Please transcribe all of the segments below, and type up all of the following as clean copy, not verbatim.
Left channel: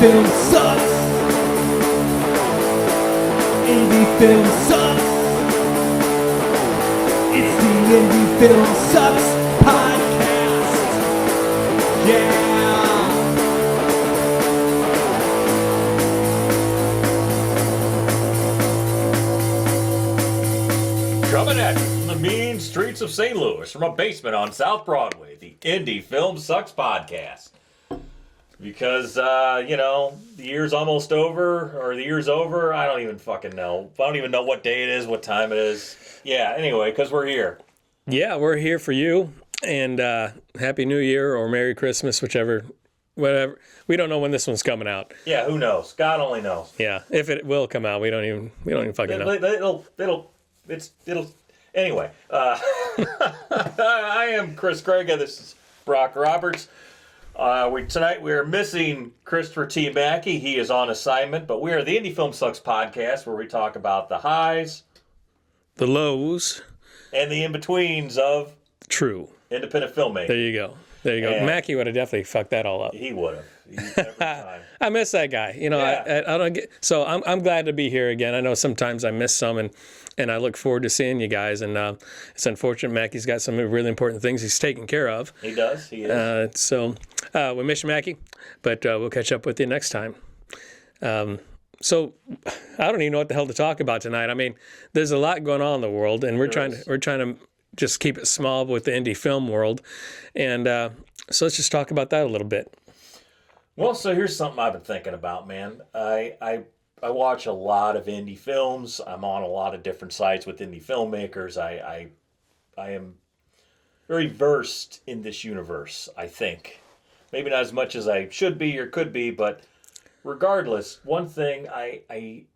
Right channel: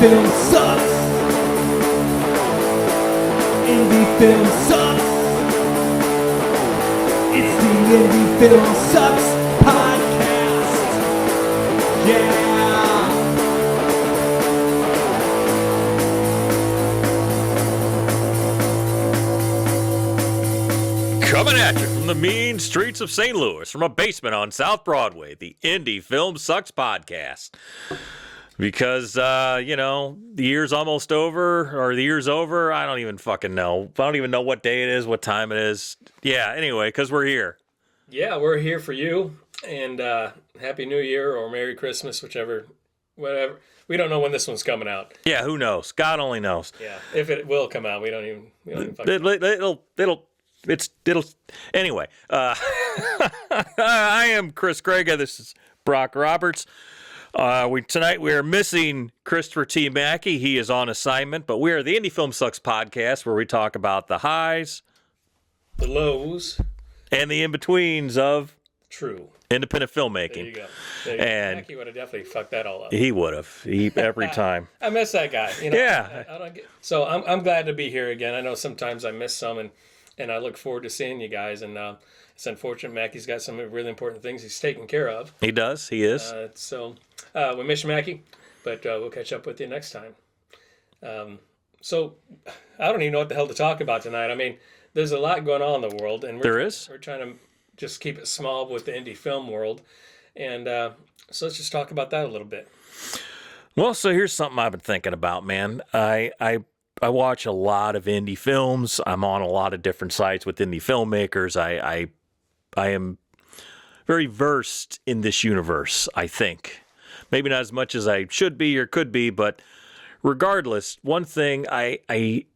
film sucks. Indie film sucks. It's the Indie Film Sucks podcast. Yeah. Coming at you from the mean streets of St. Louis, from a basement on South Broadway, the Indie Film Sucks podcast. Because, the year's almost over, or the year's over, I don't even fucking know. I don't even know what day it is, what time it is. Yeah, anyway, because we're here. Yeah, we're here for you, and Happy New Year or Merry Christmas, whatever. We don't know when this one's coming out. Yeah, who knows? God only knows. Yeah, if it will come out, we don't even fucking know. Anyway, I am Chris Grega. This is Brock Roberts. Tonight we are missing Christopher T. Mackey. He is on assignment, but we are the Indie Film Sucks podcast, where we talk about the highs, the lows, and the in-betweens of true independent filmmaking. There you go. Mackey would have definitely fucked that all up. He would have. Every time. I miss that guy. Yeah. I don't get. So I'm glad to be here again. I know sometimes I miss some, and I look forward to seeing you guys. And it's unfortunate Mackey's got some really important things he's taking care of. He does. He is. So we miss you, Mackey, but we'll catch up with you next time. So I don't even know what the hell to talk about tonight. I mean, there's a lot going on in the world, and we're trying to just keep it small with the indie film world. And so let's just talk about that a little bit. Well, so here's something I've been thinking about, man. I watch a lot of indie films. I'm on a lot of different sites with indie filmmakers. I am very versed in this universe, I think. Maybe not as much as I should be or could be, but regardless, one thing I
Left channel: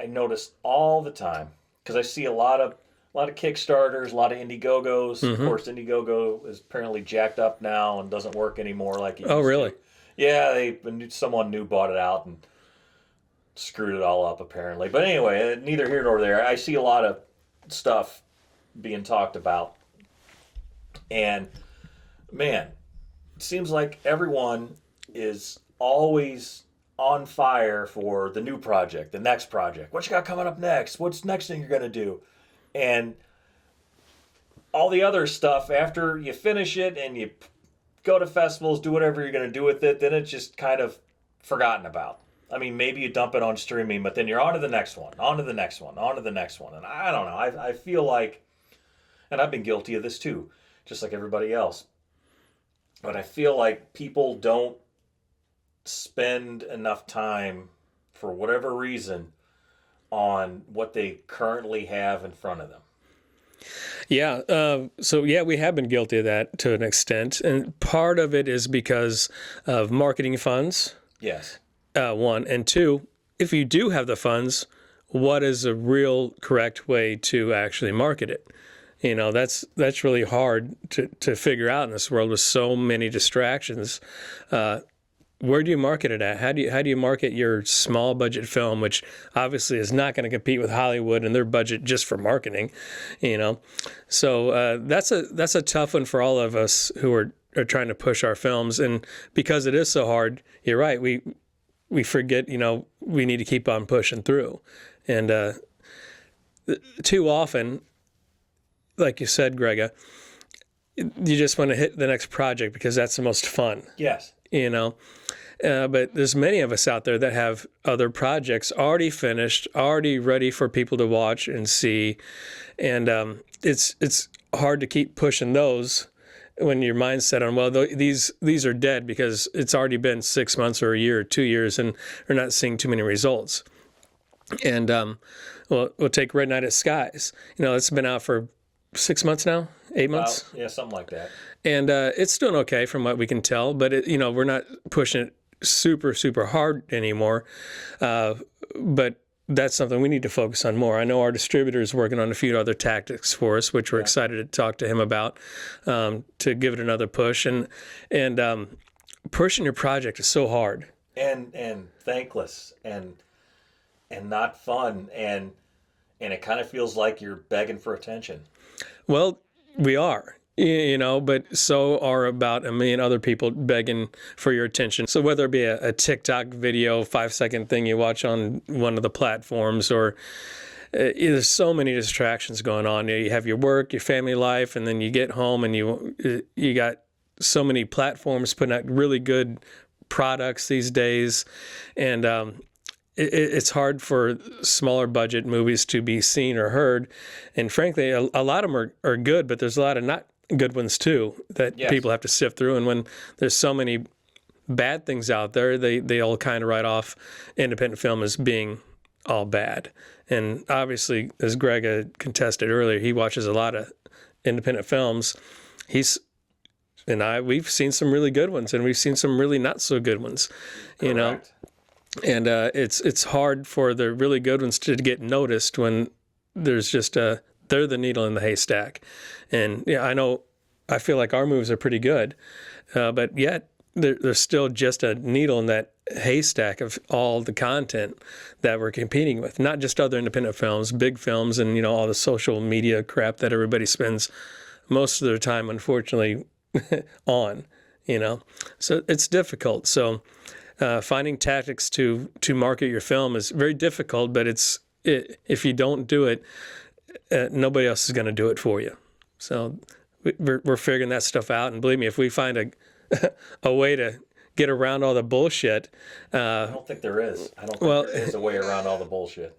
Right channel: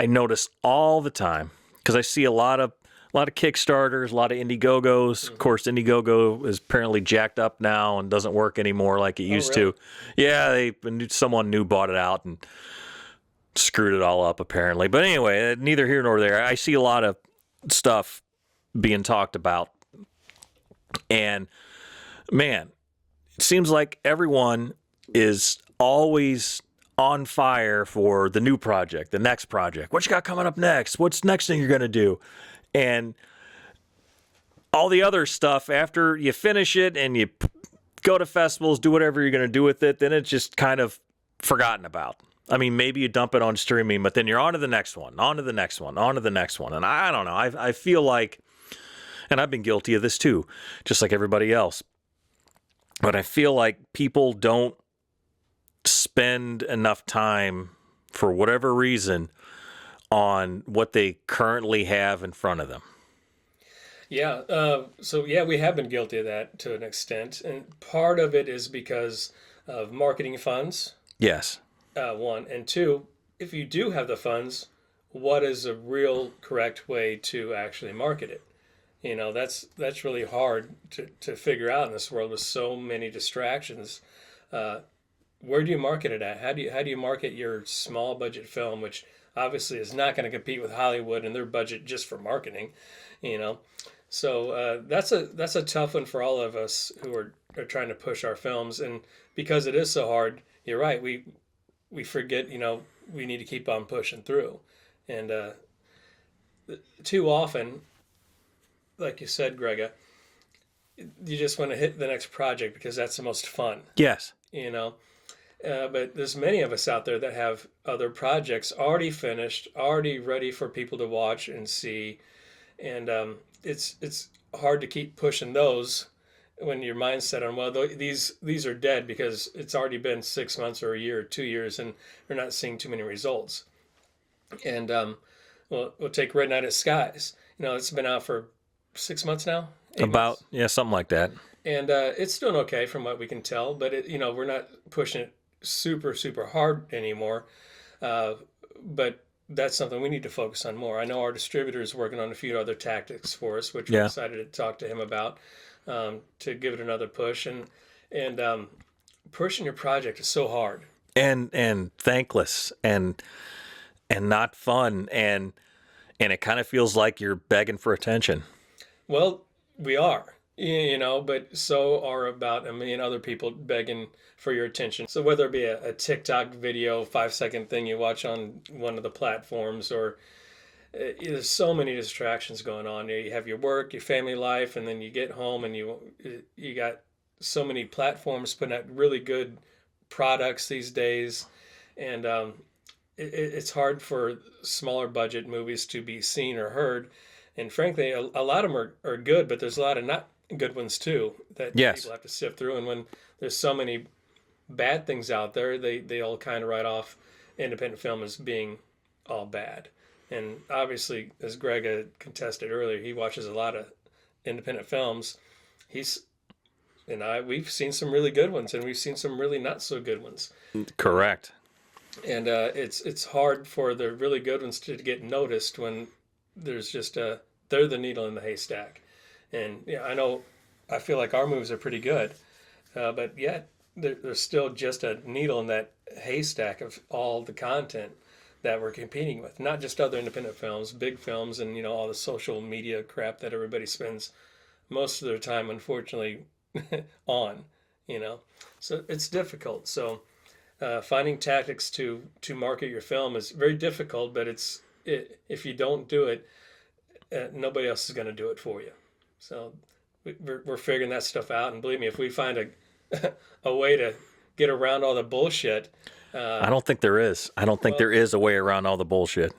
notice all the time, because I see a lot of Kickstarters, a lot of Indiegogos. Mm-hmm. Of course, Indiegogo is apparently jacked up now and doesn't work anymore like it used to. Yeah, someone new bought it out and screwed it all up apparently. But anyway, neither here nor there. I see a lot of stuff being talked about, and man, it seems like everyone is always on fire for the new project, the next project. What you got coming up next? What's the next thing you're going to do? And all the other stuff, after you finish it and you go to festivals, do whatever you're going to do with it, then it's just kind of forgotten about. I mean, maybe you dump it on streaming, but then you're on to the next one, on to the next one, on to the next one. And I don't know. I feel like, and I've been guilty of this too, just like everybody else. But I feel like people don't spend enough time, for whatever reason, on what they currently have in front of them. Yeah. We have been guilty of that to an extent. And part of it is because of marketing funds. Yes. One. And two, if you do have the funds, what is a real correct way to actually market it? That's really hard to figure out in this world with so many distractions. Where do you market it at? How do you market your small budget film, which obviously is not going to compete with Hollywood and their budget just for marketing, So that's a tough one for all of us who are trying to push our films, and because it is so hard, you're right. We forget, we need to keep on pushing through, and too often, like you said, Grega, you just want to hit the next project because that's the most fun. Yes. But there's many of us out there that have other projects already finished, already ready for people to watch and see. And it's hard to keep pushing those when your mind's set on, well, these are dead because it's already been 6 months or a year or 2 years and we're not seeing too many results. And we'll take Red Night at Skies. It's been out for 6 months now, 8 months. Yeah, something like that. And it's doing okay from what we can tell, but we're not pushing it super, super hard anymore. But that's something we need to focus on more. I know our distributor is working on a few other tactics for us, which we're excited to talk to him about, to give it another push. And pushing your project is so hard. And thankless and not fun. And it kind of feels like you're begging for attention. Well, we are. you know, but so are about a million other people begging for your attention. So whether it be a TikTok video, 5-second thing you watch on one of the platforms, or there's so many distractions going on. You have your work, your family life, and then you get home and you got so many platforms putting out really good products these days. And it's hard for smaller budget movies to be seen or heard. And frankly, a lot of them are good, but there's a lot of not good ones too that people have to sift through. And when there's so many bad things out there, they all kind of write off independent film as being all bad. And obviously, as Greg contested earlier, he watches a lot of independent films. We've seen some really good ones, and we've seen some really not so good ones. Correct. You know? And it's hard for the really good ones to get noticed when there's just they're the needle in the haystack. And yeah, I feel like our movies are pretty good, but yet there's still just a needle in that haystack of all the content that we're competing with. Not just other independent films, big films, and all the social media crap that everybody spends most of their time, unfortunately, on. So it's difficult. So finding tactics to market your film is very difficult, but if you don't do it, nobody else is going to do it for you. So we're figuring that stuff out, and believe me, if we find a way to get around all the bullshit, I don't think there is. I don't think there is a way around all the bullshit.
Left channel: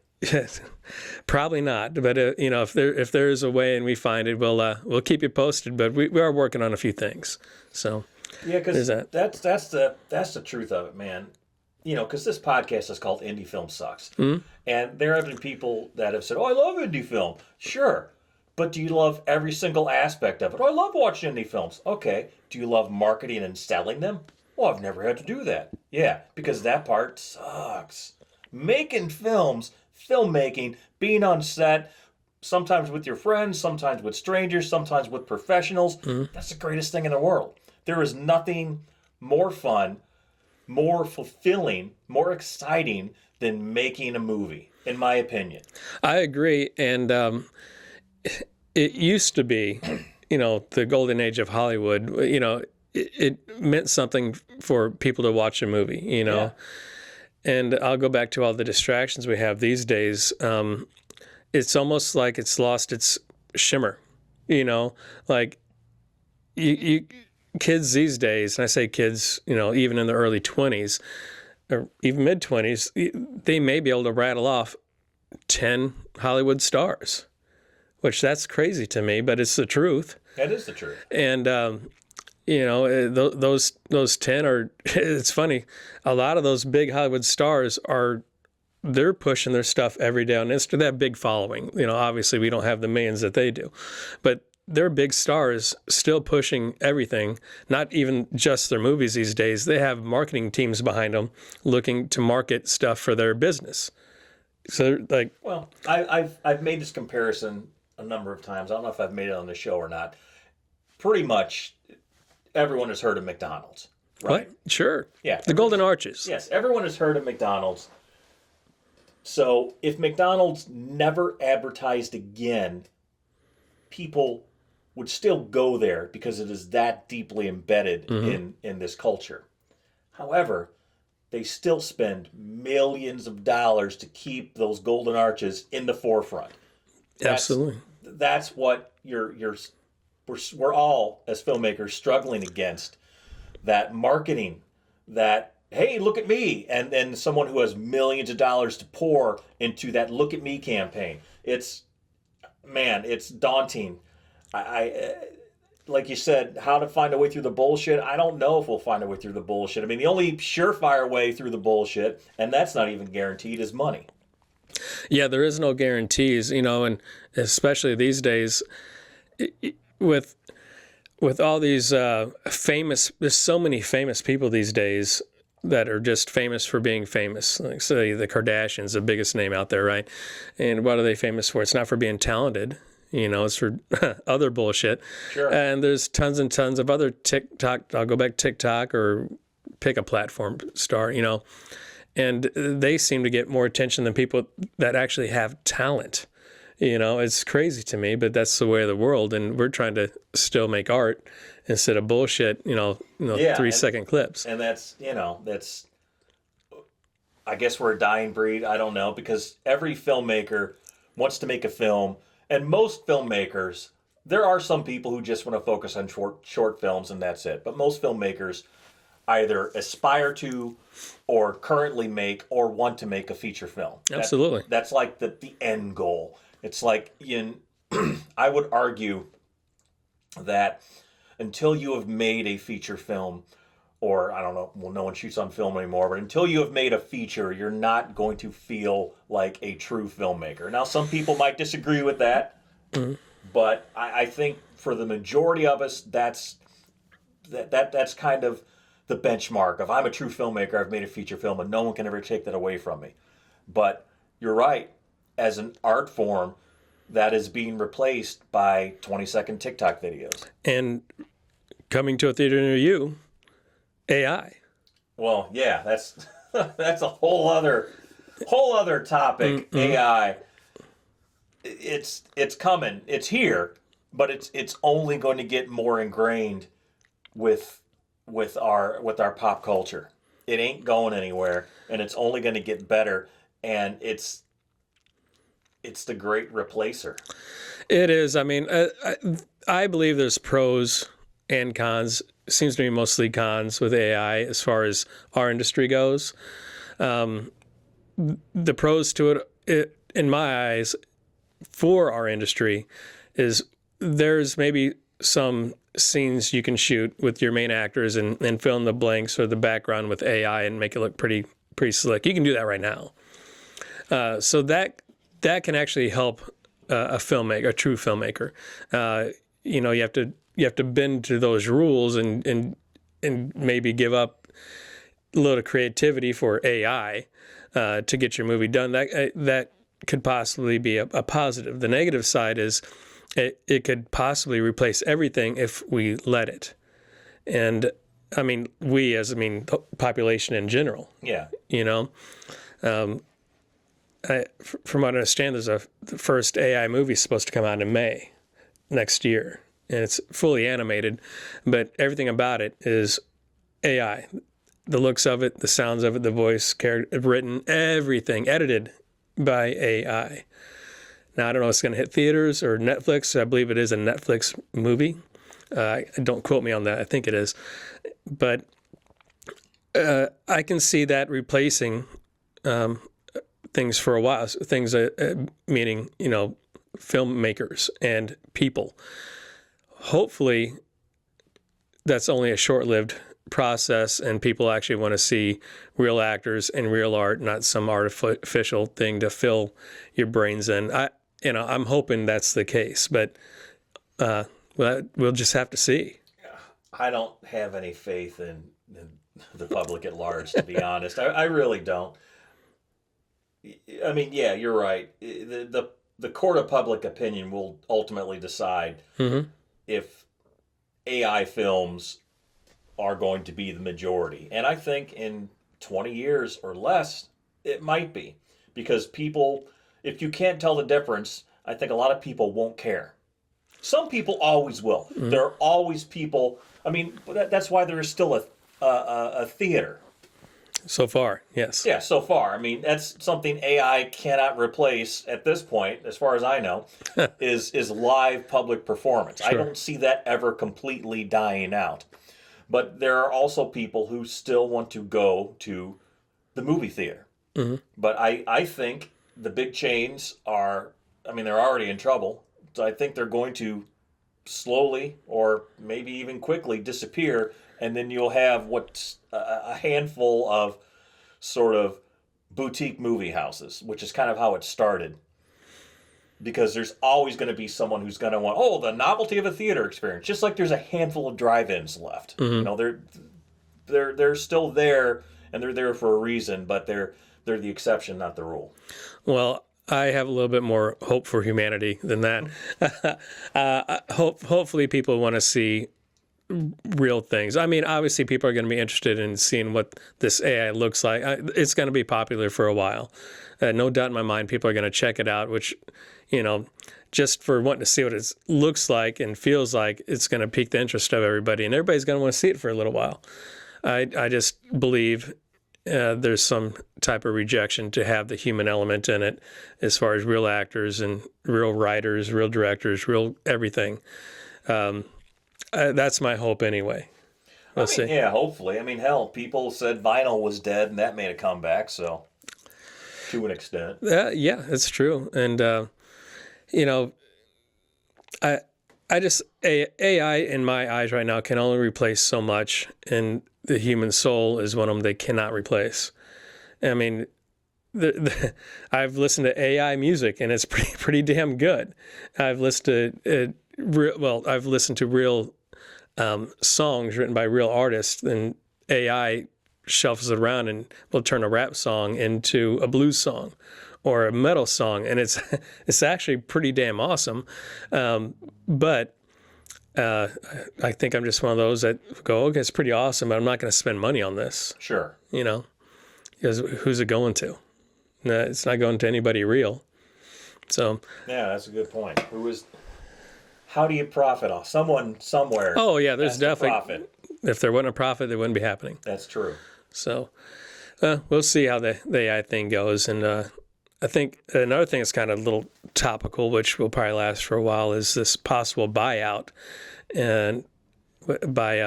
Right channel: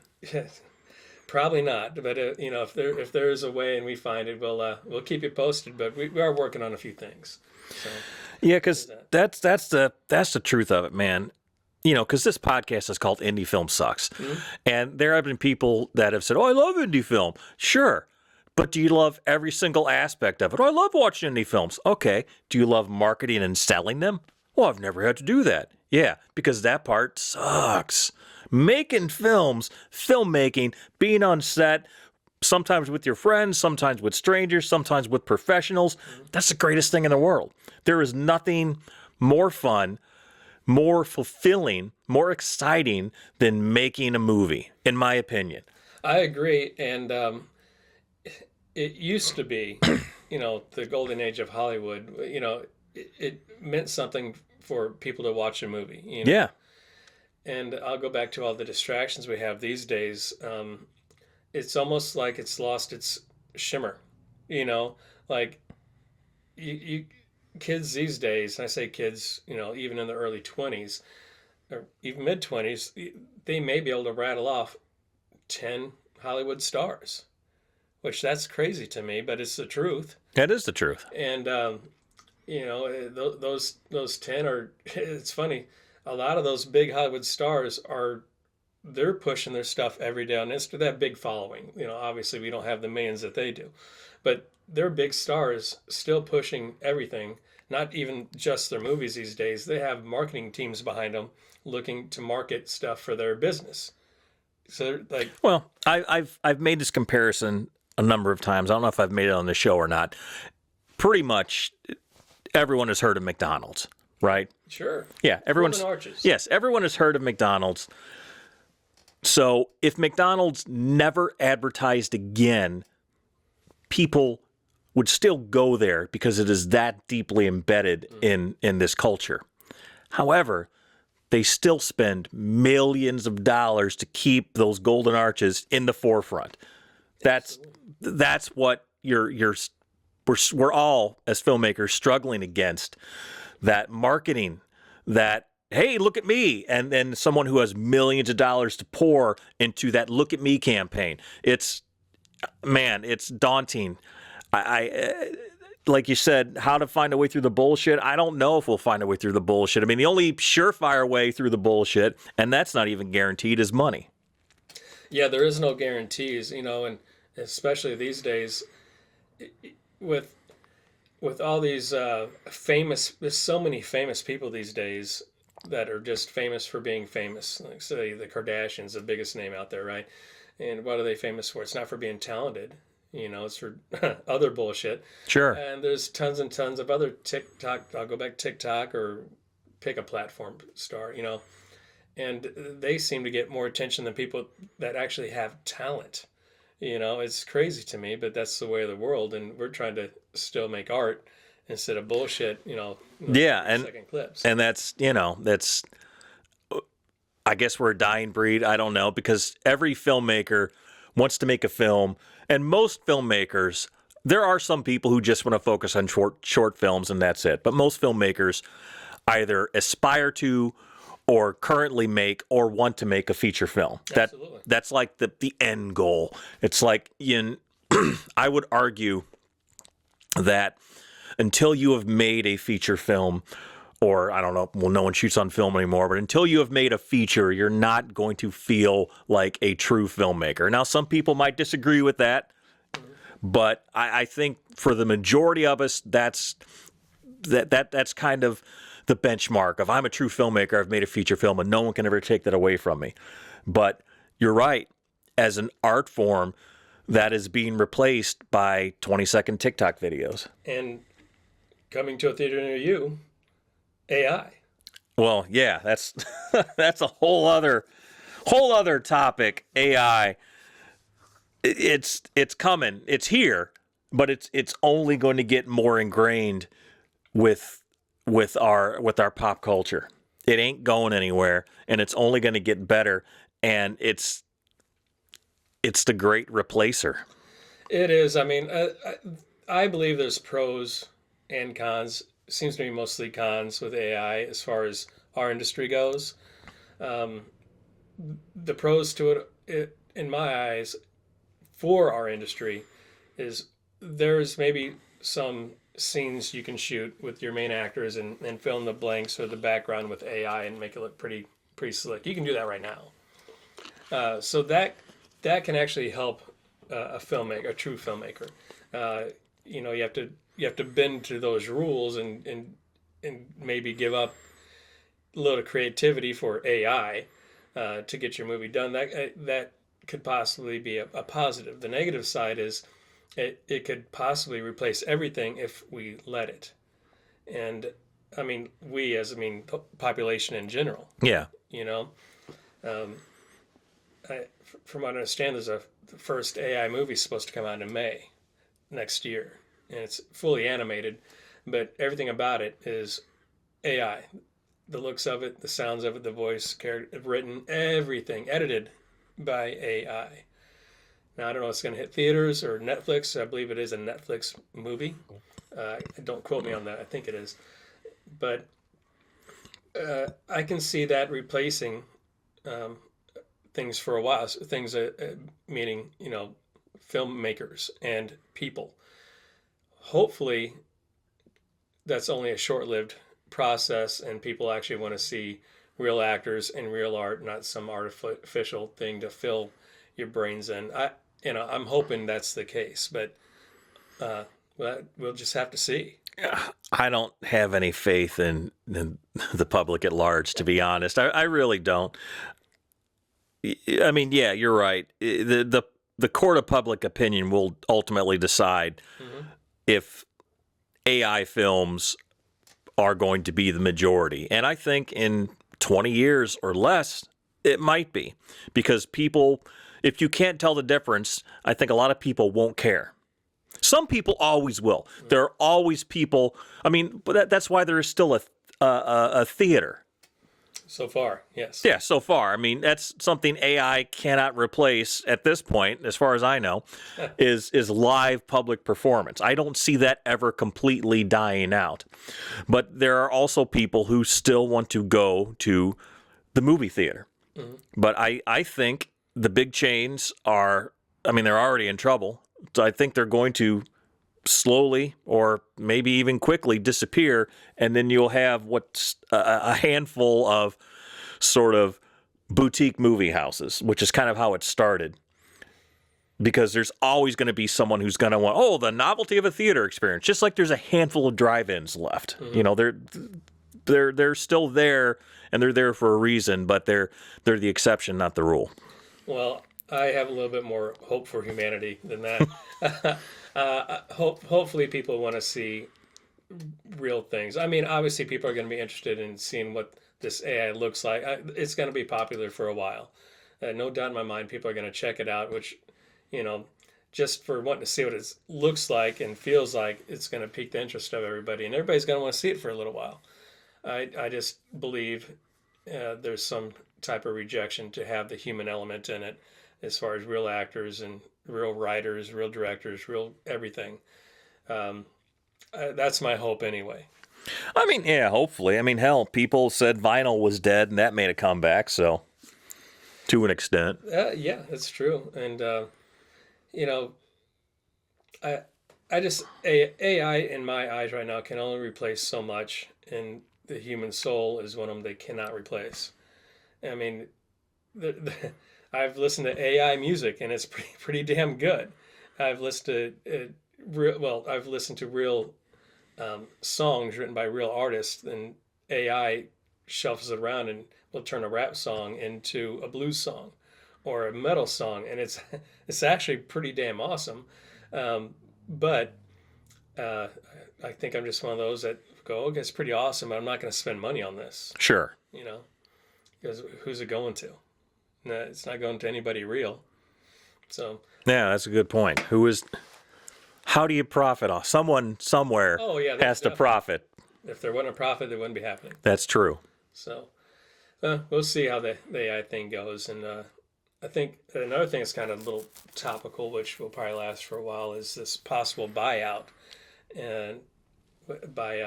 Probably not. But if there is a way and we find it, we'll keep you posted. But we are working on a few things. So yeah, because that's the truth of it, man. Because this podcast is called Indie Film Sucks, and there have been people that have said, "Oh, I love indie film." Sure. But do you love every single aspect of it? Oh, I love watching indie films. Okay. Do you love marketing and selling them? Well, I've never had to do that. Yeah, because that part sucks. Making films, filmmaking, being on set, sometimes with your friends, sometimes with strangers, sometimes with professionals, that's the greatest thing in the world. There is nothing more fun, more fulfilling, more exciting than making a movie, in my opinion. I agree. And it used to be, the golden age of Hollywood, it meant something for people to watch a movie, Yeah. And I'll go back to all the distractions we have these days. It's almost like it's lost its shimmer, like you kids these days, and I say kids, even in the early 20s or even mid 20s, they may be able to rattle off 10 Hollywood stars, which that's crazy to me, but it's the truth. That is the truth. And, those 10 are, it's funny. A lot of those big Hollywood stars they're pushing their stuff every day on Instagram. They have big following. Obviously we don't have the millions that they do, but they're big stars still pushing everything, not even just their movies these days. They have marketing teams behind them looking to market stuff for their business. So I've made this comparison a number of times. I don't know if I've made it on the show or not. Pretty much everyone has heard of McDonald's, right? Sure. Yeah. The Golden Arches. Yes, everyone has heard of McDonald's. So if McDonald's never advertised again, people would still go there because it is that deeply embedded in this culture. However, they still spend millions of dollars to keep those Golden Arches in the forefront. Absolutely. That's what we're all as filmmakers struggling against, that marketing, that, hey, look at me, and then someone who has millions of dollars to pour into that look at me campaign. It's daunting. I like you said, how to find a way through the bullshit. I don't know if we'll find a way through the bullshit. I mean, the only surefire way through the bullshit, and that's not even guaranteed, is money. Yeah, there is no guarantees, and especially these days with all these there's so many famous people these days that are just famous for being famous. Like, say, the Kardashians, the biggest name out there, right? And what are they famous for? It's not for being talented. It's for other bullshit. Sure. And there's tons and tons of other TikTok. I'll go back to TikTok or pick a platform star, and they seem to get more attention than people that actually have talent. You know, it's crazy to me, but that's the way of the world, and we're trying to still make art instead of bullshit. Yeah, 3-second clips. And that's, I guess we're a dying breed. I don't know, because every filmmaker wants to make a film, and most filmmakers, there are some people who just want to focus on short films and that's it. But most filmmakers either aspire to or currently make or want to make a feature film. Absolutely. That's like the end goal. It's like, I would argue that until you have made a feature film, or I don't know, well, no one shoots on film anymore, but until you have made a feature, you're not going to feel like a true filmmaker. Now, some people might disagree with that, but I think for the majority of us, that's kind of the benchmark of I'm a true filmmaker, I've made a feature film, and no one can ever take that away from me. But you're right, as an art form, that is being replaced by 20-second TikTok videos. And coming to a theater near you, AI. Well, yeah, that's that's a whole other topic. AI. It's coming. It's here, but it's only going to get more ingrained with our pop culture. It ain't going anywhere, and it's only going to get better. And it's the great replacer. It is. I mean, I believe there's pros and cons. It seems to be mostly cons with AI as far as our industry goes. The pros to it, in my eyes, for our industry, is there's maybe some scenes you can shoot with your main actors and fill in the blanks or the background with AI and make it look pretty slick. You can do that right now. So that can actually help a filmmaker, a true filmmaker. You have to bend to those rules and maybe give up a little creativity for AI to get your movie done. That could possibly be a positive. The negative side is it could possibly replace everything if we let it. And I mean, the population in general. Yeah. From what I understand, the first AI movie is supposed to come out in May next year. And it's fully animated, but everything about it is AI. The looks of it, the sounds of it, the voice, written, everything edited by AI. Now, I don't know if it's going to hit theaters or Netflix. I believe it is a Netflix movie. Don't quote me on that. I think it is. But I can see that replacing things for a while. Things meaning, filmmakers and people. Hopefully, that's only a short-lived process, and people actually want to see real actors and real art, not some artificial thing to fill your brains in. I'm hoping that's the case, but we'll just have to see. I don't have any faith in the public at large, to be honest. I really don't. I mean, yeah, you're right. The court of public opinion will ultimately decide if AI films are going to be the majority. And I think in 20 years or less, it might be. Because people, if you can't tell the difference, I think a lot of people won't care. Some people always will. There are always people, but that's why there is still a theater. So far, yes. Yeah, so far. I mean, that's something AI cannot replace at this point, as far as I know, is live public performance. Sure. I don't see that ever completely dying out. But there are also people who still want to go to the movie theater. But I think the big chains they're already in trouble. So I think they're going to slowly or maybe even quickly disappear, and then you'll have what's a handful of sort of boutique movie houses, which is kind of how it started. Because there's always going to be someone who's going to want, the novelty of a theater experience. Just like there's a handful of drive-ins left. They're still there, and they're there for a reason, but they're the exception, not the rule. Well, I have a little bit more hope for humanity than that. Hopefully people want to see real things. I mean, obviously people are going to be interested in seeing what this AI looks like. It's going to be popular for a while. No doubt in my mind, people are going to check it out, which, you know, just for wanting to see what it looks like and feels like, it's going to pique the interest of everybody, and everybody's going to want to see it for a little while. I just believe there's some type of rejection to have the human element in it, as far as real actors and real writers, real directors, real everything. That's my hope anyway. I mean, yeah, hopefully. I mean, hell, people said vinyl was dead, and that made a comeback, so to an extent. Yeah, it's true. And, you know, I just, AI in my eyes right now can only replace so much, and the human soul is one of them they cannot replace. I mean, I've listened to AI music, and it's pretty damn good. I've listened to I've listened to real songs written by real artists, and AI shuffles it around and will turn a rap song into a blues song or a metal song, and it's actually pretty damn awesome. But I think I'm just one of those that go, okay, it's pretty awesome, but I'm not going to spend money on this. Sure. You know, because who's it going to? No, it's not going to anybody real. So Yeah, that's a good point. How do you profit off? Someone somewhere oh yeah, there's has to definitely profit. If there wasn't a profit, it wouldn't be happening. That's true. So we'll see how the AI thing goes. And I think another thing that's kind of a little topical, which will probably last for a while, is this possible buyout. And by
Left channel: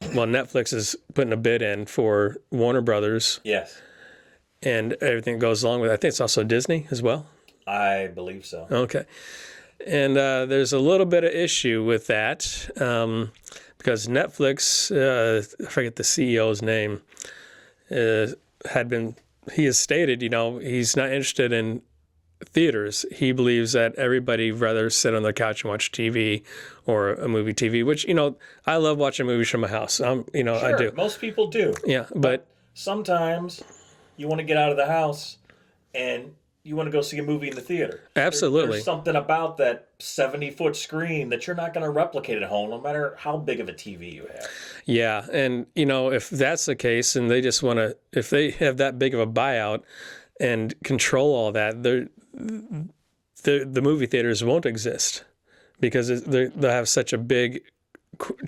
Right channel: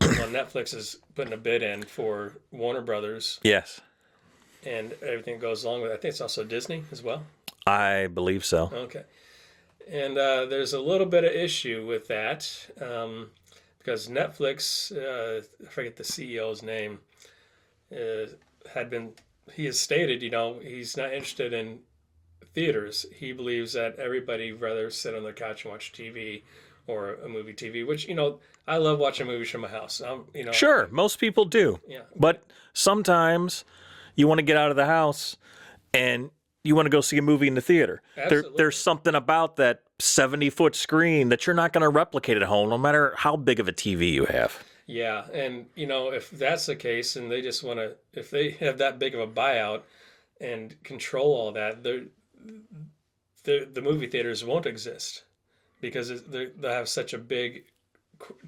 Netflix is putting a bid in for Warner Brothers. Yes. And everything that goes along with it. I think it's also Disney as well. I believe so. Okay. And there's a little bit of issue with that because Netflix, I forget the CEO's name, he has stated, he's not interested in theaters. He believes that everybody rather sit on the couch and watch TV or a movie TV, which, I love watching movies from my house. Sure, I do. most people do. Yeah, But sometimes you want to get out of the house and you want to go see a movie in the theater. Absolutely. There's something about that 70-foot screen that you're not going to replicate at home, no matter how big of a TV you have. Yeah, and if that's the case, and they just want to, if they have that big of a buyout and control all that, the movie theaters won't exist because they'll have such a big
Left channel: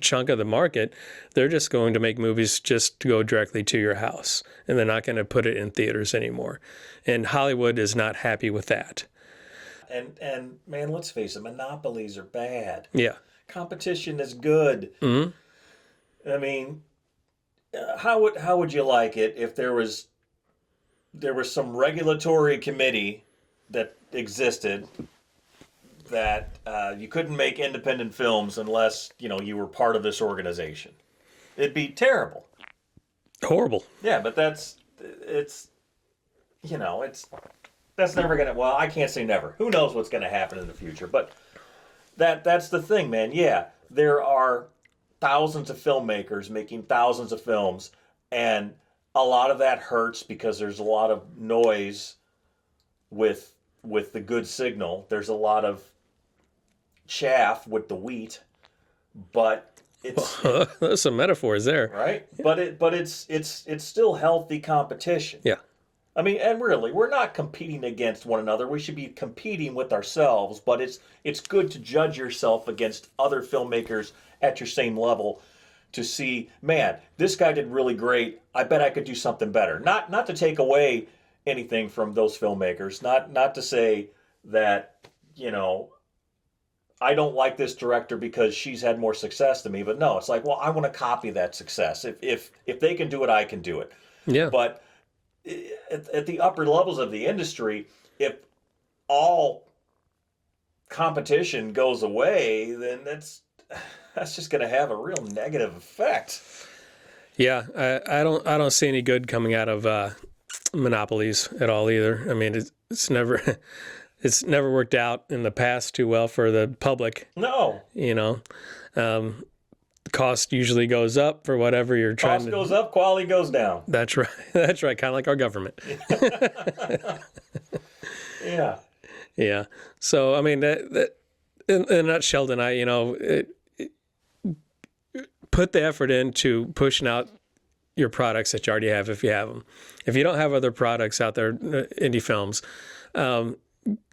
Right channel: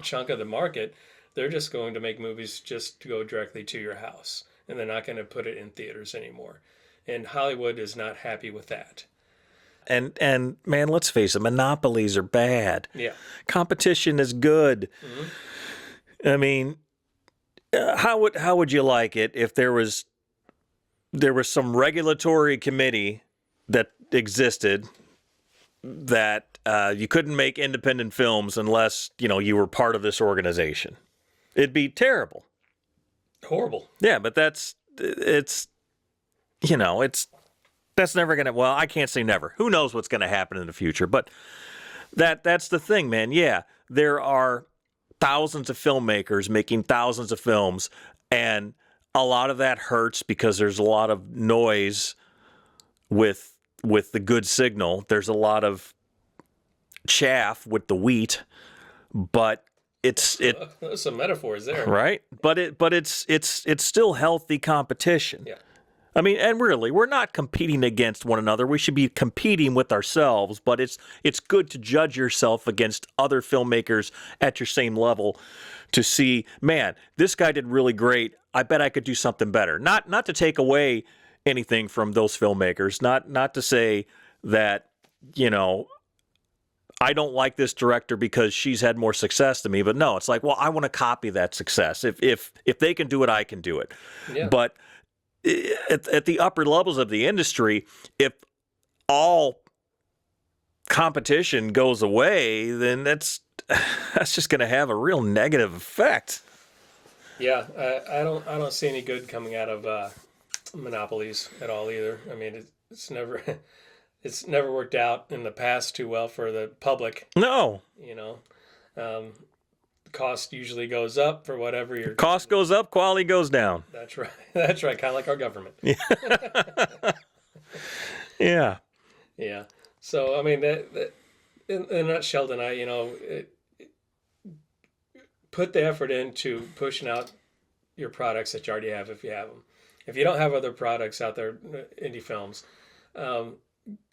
chunk of the market. They're just going to make movies just to go directly to your house, and they're not going to put it in theaters anymore. And Hollywood is not happy with that. And man, let's face it, monopolies are bad. Yeah. Competition is good. Mm-hmm. I mean, how would you like it if there was some regulatory committee that existed that you couldn't make independent films unless you were part of this organization? It'd be terrible. Horrible. Yeah, but that's never gonna. Well, I can't say never. Who knows what's gonna happen in the future? But that's the thing, man. Yeah, there are thousands of filmmakers making thousands of films, and a lot of that hurts because there's a lot of noise with the good signal. There's a lot of chaff with the wheat, but there's some metaphors there, right? But it's still healthy competition. Yeah. I mean, and really, we're not competing against one another. We should be competing with ourselves, but it's good to judge yourself against other filmmakers at your same level to see, man, this guy did really great. I bet I could do something better. Not to take away anything from those filmmakers, not to say that, I don't like this director because she's had more success than me, but no, it's like, well, I want to copy that success. If they can do it, I can do it. Yeah. But at the upper levels of the industry, if all competition goes away, then that's just going to have a real negative effect. Yeah, I don't see any good coming out of monopolies at all either. I mean, it's never worked out in the past too well for the public. No, cost usually goes up for whatever you're trying cost goes up, quality goes down. That's right. That's right. Kind of like our government. Yeah. Yeah. So, I mean, that in a nutshell tonight, put the effort into pushing out your products that you already have if you have them. If you don't have other products out there, indie films,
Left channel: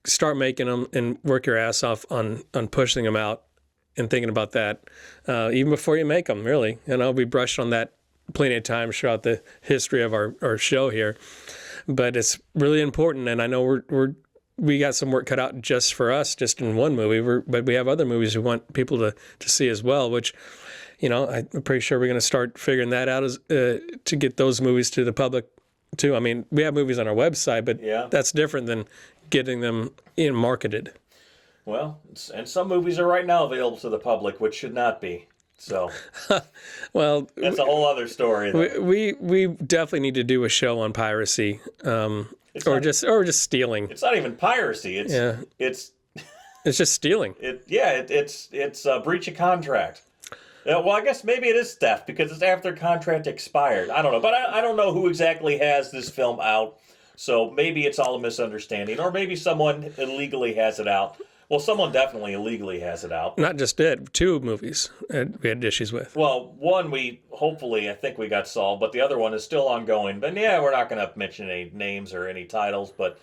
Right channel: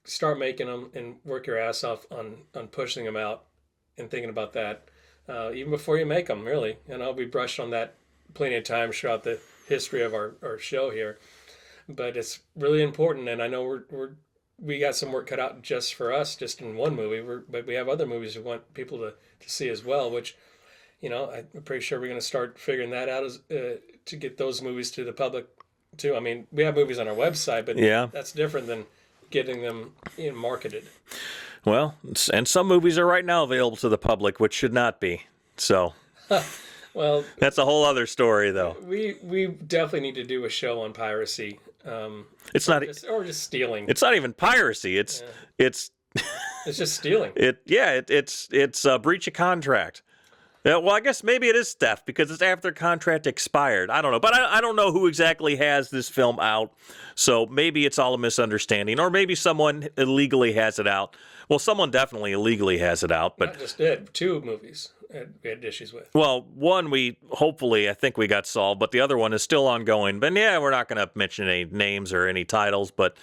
start making them and work your ass off on pushing them out and thinking about that even before you make them. Really, we brushed on that plenty of times throughout the history of our show here, but it's really important. And I know we got some work cut out just for us, just in one movie. But we have other movies we want people to see as well, which, I'm pretty sure we're going to start figuring that out to get those movies to the public too. I mean, we have movies on our website, but that's different than getting them marketed. Well, and some movies are right now available to the public, which should not be. So, well, that's a whole other story, though. We definitely need to do a show on piracy. It's or not just stealing. It's not even piracy. It's just stealing. It's a breach of contract. Yeah, well, I guess maybe it is theft because it's after contract expired. I don't know, but I don't know who exactly has this film out. So maybe it's all a misunderstanding, or maybe someone illegally has it out. Well, someone definitely illegally has it out. But, not just it. 2 movies we had issues with. Well, one I think we got solved, but the other one is still ongoing. But yeah, we're not going to mention any names or any titles, but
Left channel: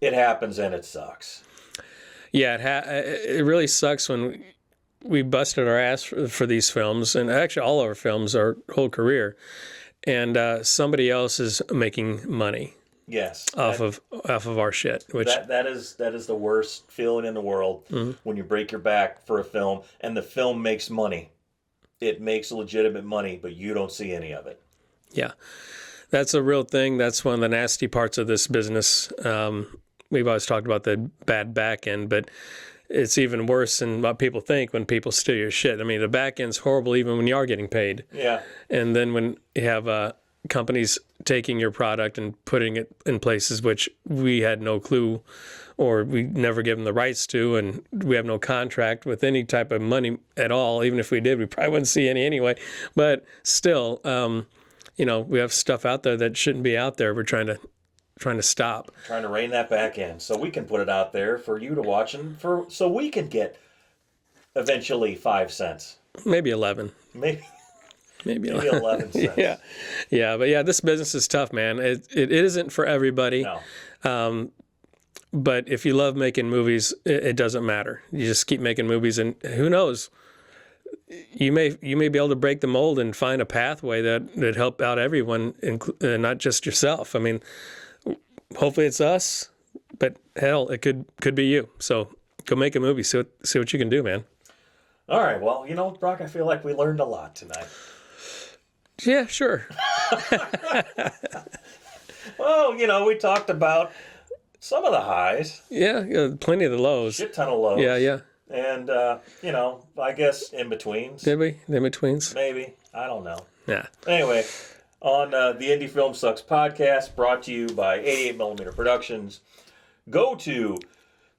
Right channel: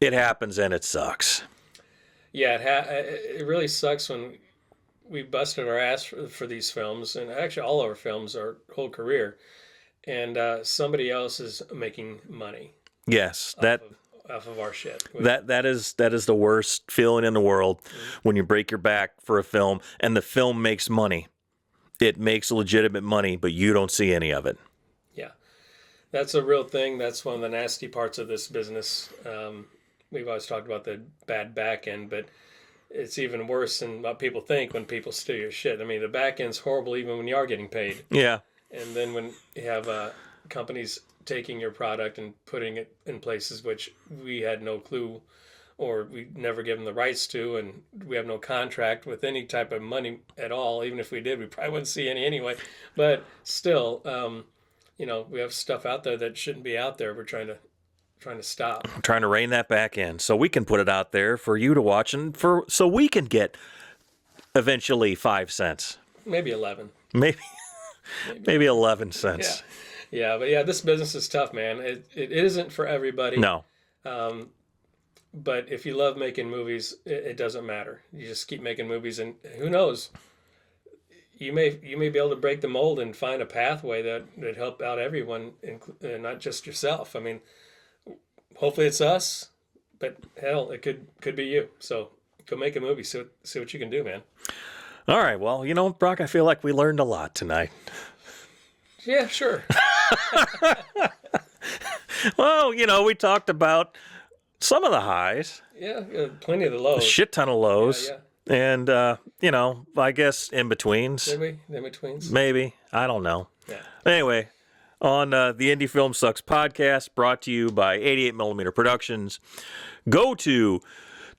it happens and it sucks. Yeah, it really sucks when we busted our ass for these films, and actually all our films, our whole career, and somebody else is making money. Yes, off of our shit. Which, that is the worst feeling in the world when you break your back for a film and the film makes money. It makes legitimate money, but you don't see any of it. Yeah, that's a real thing. That's one of the nasty parts of this business. We've always talked about the bad back end, but it's even worse than what people think when people steal your shit. I mean, the back end's horrible even when you are getting paid. Yeah. And then when you have companies taking your product and putting it in places which we had no clue or we never given the rights to, and we have no contract with any type of money at all. Even if we did, we probably wouldn't see any anyway. But still, we have stuff out there that shouldn't be out there. We're trying to stop. I'm trying to rein that back in so we can put it out there for you to watch and so we can get eventually 5 cents. Maybe 11. Maybe 11 cents. Yeah, but yeah, this business is tough, man. It isn't for everybody. No. But if you love making movies, it doesn't matter. You just keep making movies, and who knows? You may be able to break the mold and find a pathway that help out everyone, not just yourself. I mean, hopefully it's us, but hell, it could be you. So go make a movie. See what you can do, man. All right. Well, Brock, I feel like we learned a lot tonight. Yeah, sure. Well, we talked about some of the highs. Yeah, plenty of the lows. A shit ton of lows. Yeah. And, I guess in-betweens. Did we? In-betweens? Maybe. I don't know. Yeah. Anyway, on the Indie Film Sucks podcast, brought to you by 88mm Productions, go to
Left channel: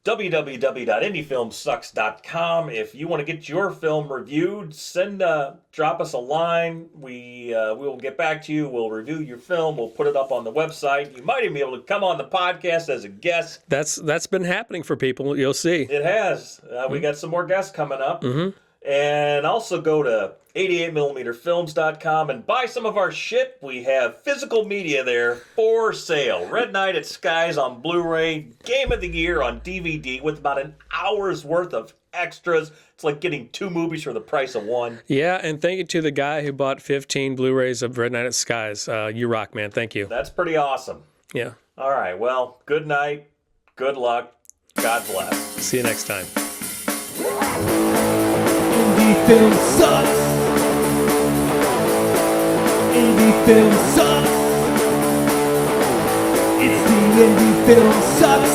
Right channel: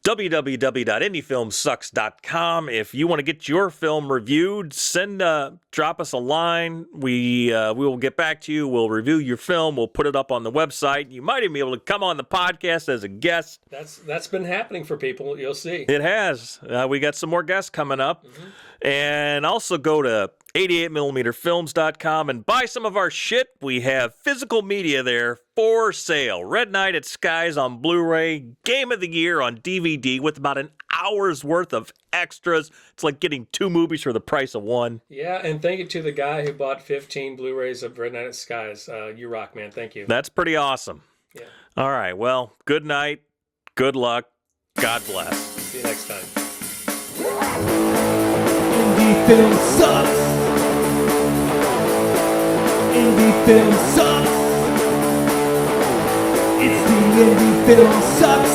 www.indiefilmsucks.com. If you want to get your film reviewed, drop us a line. We will get back to you. We'll review your film. We'll put it up on the website. You might even be able to come on the podcast as a guest. That's been happening for people. You'll see. It has. We got some more guests coming up. Mm-hmm. And also go to 88mmfilms.com and buy some of our shit. We have physical media there for sale. Red Night at Skies on Blu-ray, Game of the Year on DVD with about an hour's worth of extras. It's like getting 2 movies for the price of 1. Yeah, and thank you to the guy who bought 15 Blu-rays of Red Night at Skies. You rock, man. Thank you. That's pretty awesome. Yeah. All right. Well, good night. Good luck. God bless. See you next time. Indie film sucks. Indie film sucks. It's the Indie Film Sucks